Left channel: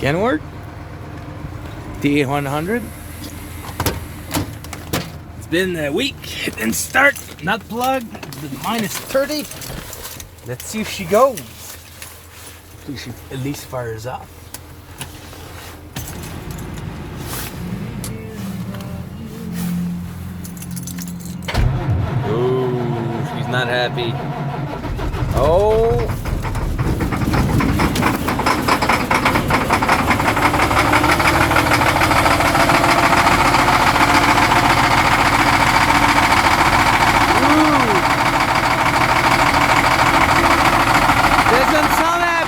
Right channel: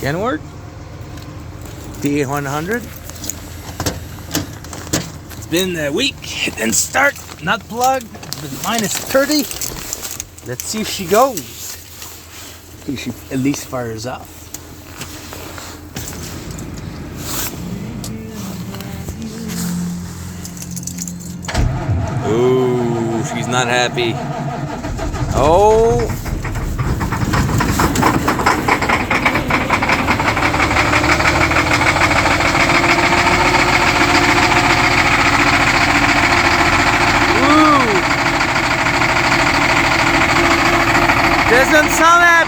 Kenworth D100. It's been a week. It didn't start. Not plugged. It's been minus 30. Let's see if she goes. If she at least fires up. Ooh, she's not happy. Oh. Ooh. Doesn't sound happy.